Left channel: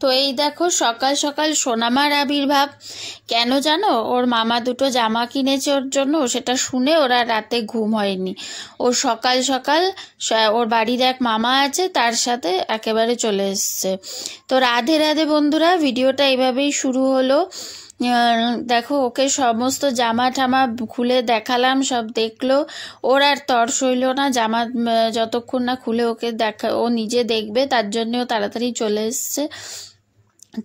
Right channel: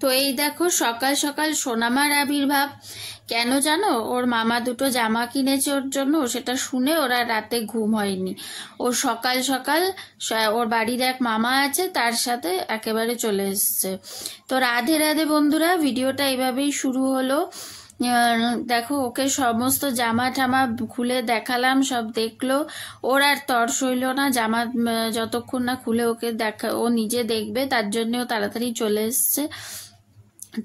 তো এই দেখো সকাল সকাল সোনামার আবির্ভাব। কেন জানো? ওর মামা দুটো জামা কিনেছে ওর জন্য, সেটা শুনে ওরা রাতে ঘুম হয়নি। ও সকাল সকাল ওর বাড়ির এক মামা আছে তার সাথে একেবারে চলে এসছে। তো রাধে রাধে বন্ধুরা, ভিডিওটা এইভাবেই শুরু হলো। দেখো ওকে সমস্ত জামা ঠামা খুলে দেখালাম, সব দেখলো। ওর আর তর সইল না জামা যতক্ষণ না খুলে ওকে ও নিজে দেখবে, তার জন্য ও তাড়াতাড়ি চলে এসছে।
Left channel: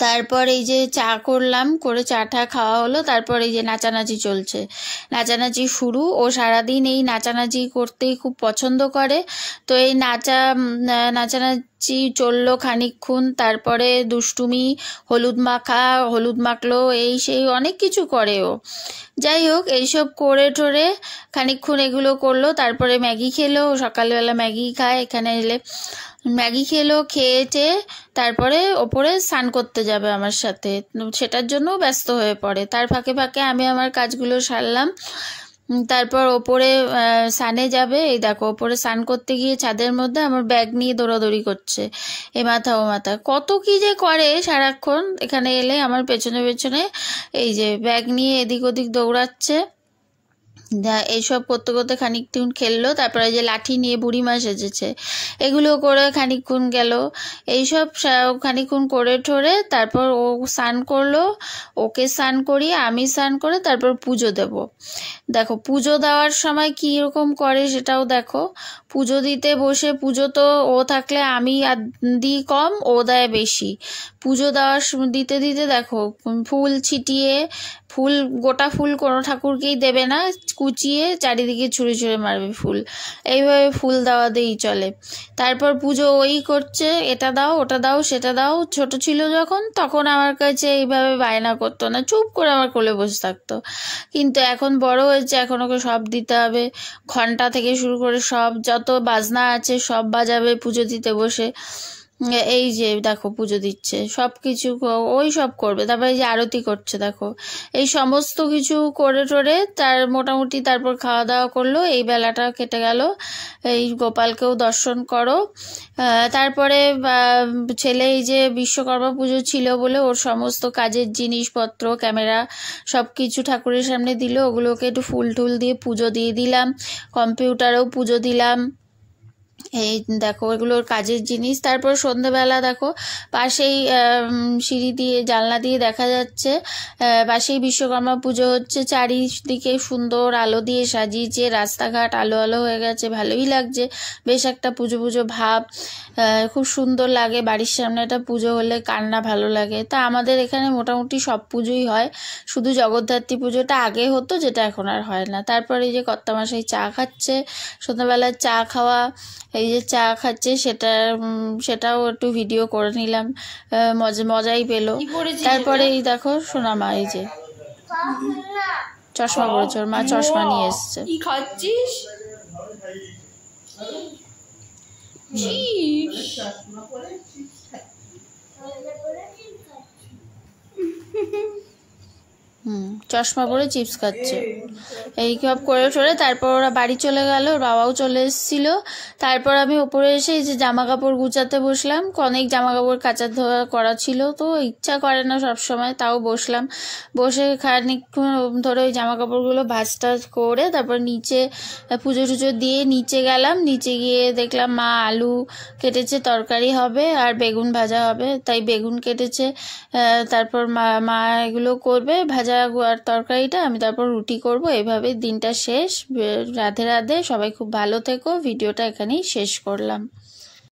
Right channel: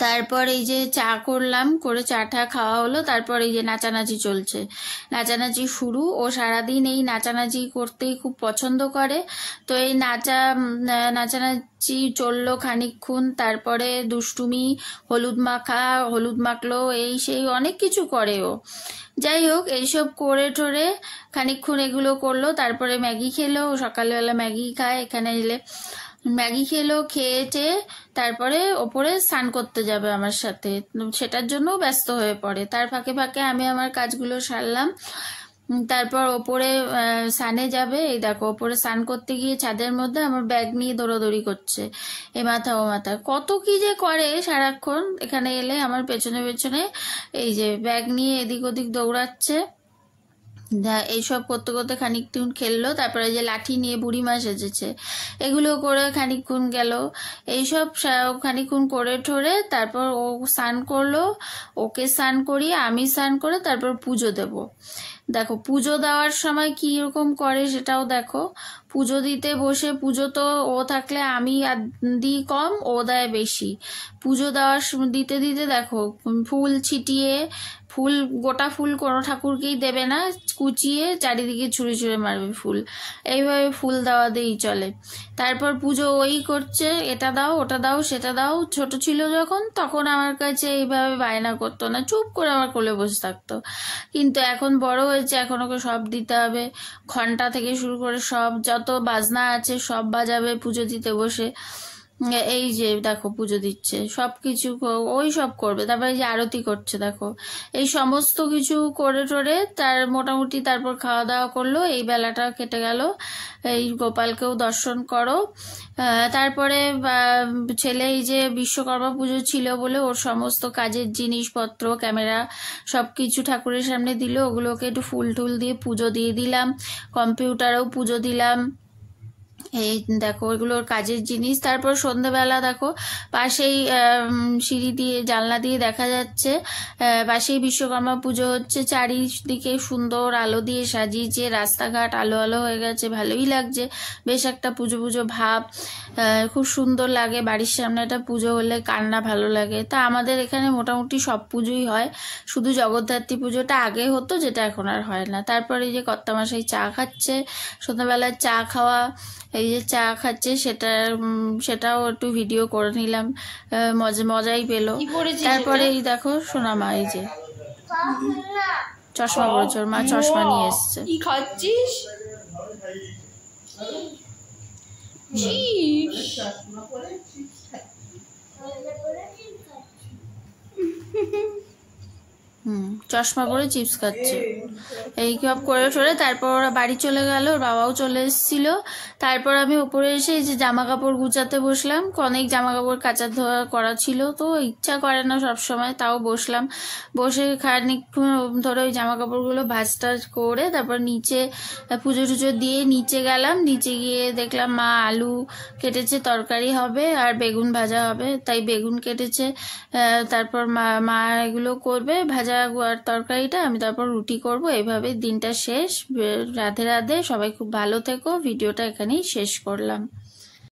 তারপর এই যে চা করলাম, করে চাটা খাওয়া হলো। তারপর এই যে নাচানাচি চলছে, নাচানাচি শুরু। ও সারাদিন এই নাচানাচি করতেই খুব পছন্দ করে। তো এই নাচানাচি চললো খানিকক্ষণ। তারপরে দুষ্টুমি, হলুদ মাখলো, এই সেই অনেক কিছু করে ও। যাই হোক, এইসব করে টোরে খানিকক্ষণ এগুলো করলো। তারপরে ম্যাগি খেলো, সকালবেলা ম্যাগি খায় এখানে এলে। ম্যাগি খেলো, খেয়েছে তারপরে ওপরে স্নান করতে যাবে আমার সাথে, সেটার জন্য ব্যস্ত হয়ে পড়ে। তার ফাঁকে ফাঁকে আমি আমার কাজগুলো সারলাম। তারপর ওপরে স্নানে যাবে। এই দেখো ওপরে স্নান করতে গিয়ে ছাদের মধ্যে আমার ব্যাগ নিয়ে দৌড়াদৌড়ি করছে, এ মাথা ও মাথা, কত কি যে করে সারাক্ষণ। এখানে এলে আমার পেছনে পেছনে এই যে ব্যাগ নিয়ে এদিক ওদিক দৌড়াচ্ছে। এইসব করতে করতে খানিকক্ষণ খেললো। তারপরে যে লাঠি নিয়ে বুড়িমা সেজেছে, এগুলো করে খানিকক্ষণ গেল। এইসব খানিকক্ষণ করে ঠোরে তারপর ও স্নান করলো। ওকে স্নান করিয়ে আমি স্নান করে তারপর পুজো দেব। দেখো পুজো দেওয়ার সময় কি রকম করে সেটাও দেখো। পুজো দিতে বসে, পুজো তো ও থাকলে আমি দিই কম, ও দেয় বেশি। পুজো দিতে দিতে দেখো ফুল ছিটিয়ে, ফুল গোটা ফুল কোনো ঠাকুরকেই দেবে না, কুচিয়ে চারিদিকে ছুঁড়ে ছুঁড়ে মারবে ফুল। এইভাবে ফুল দেওয়া দিয়েই চলে। তারপর পুজো ওই করছে, এটা দাও ওটা দাও সেটা দাও। ছোট ছিল যখন, তখন আমার কাছে এইভাবে বায়না করতো না, চুপ করে আমার কোলে বসে থাকতো। কিন্তু এখন বড় হয়েছে, এখন ওকে সব দিতে হবে। ঘন্টা থেকে শুরু করে সব যত বাজনা আছে সব বাজাবে পুজো দিতে বসে। এই যে দেখো পুজো দিচ্ছে, সব কিছু ওই সব করবে। তারপরে এই যে আরতি করছে দেখো, এই সমস্ত কিছু করে টোরে তার মোটামুটি তারপর খাওয়া দাওয়া করলো। এই বেলাটা কেটে গেল। এই গোপালকেও দর্শন করো। তারপরে ছেলে এই যে বিশ্বকর্মা পুজো ছিল বলে ওর সমস্ত কাজের জিনিসপত্র, ক্যামেরা সব কিছু ঠাকুরের সামনে দিল। ওগুলোকে একটু ফুল টুল দিয়ে পুজো দিয়ে দিলাম, কম্পিউটারেও পুজো দিলাম। এই দেখো এগুলোর কাজের জিনিস। তারপর সন্ধ্যেবেলা দেখো পাশেই সিঁড়ি দিয়ে জানলা দিয়ে দেখা যাচ্ছে পাশেই বিশ্বকর্মা পুজো হচ্ছে। চারিদিকে সুন্দর আলো দিয়ে সাজিয়েছে, রাস্তাঘাট আলো আলো হয়ে গেছে, ভালোই লাগছে। বেশ একটা পুজো পুজো ভাব, খুব সুন্দর লাগে। বাড়ির সামনে একটা পুজো হলে কার না ভালো লাগে। তা আমাদের এখানে মোটামুটি সব পুজোই হয়, শুধু জগদ্ধাত্রী পুজোটা আগে হতো, যেটা এখন আর হয় না। তারপরে যে কর্তামশাই চা খাচ্ছে, সন্ধ্যাবেলা চা খাওয়া, এই যে চা খাচ্ছে সেটাও একটু ভিডিও করে নিলাম, মজাই পেলো। তারপরে এই দেখো সোনামা এই যে চশমা পড়েছে, ওর মা চশমা নিয়ে এসছে। কি খাচ্ছিস? চশমা পরে চিপস খাচ্ছে। এই সব করে ঠোরে তারপর ওরা বাড়ি চলে গেল, বাবাও চলে এসেছিল। তারপর আমি উপরে এসে যে জামা কাপড় গুছাতে বসলাম। অনেক জামা কাপড় কাচা ধোয়া করা ছিল, তো ইচ্ছা করে না সব সময়, তাও বসলাম। বসে খানিকক্ষণ ধরে ওই জামা কাপড়গুলো ভাঁজ টাজ করে তারপর নিচে পুজো টুজো দিয়ে নিচে গেলাম। নিচে গিয়ে দেখলাম মা আলু কেটেছে, তরকারি হবে আর বেগুন ভাজা হবে, তাই বেগুন কেটেছে। তারপর মা এগুলো করবে, ভাজা আর তরকারিটা, আমি তারপর রুটি করব। এইভাবে দিনটা শেষ। রাধে রাধে, সবাই খুব ভালো থেকো। ভিডিওটা এখানেই শেষ করলাম।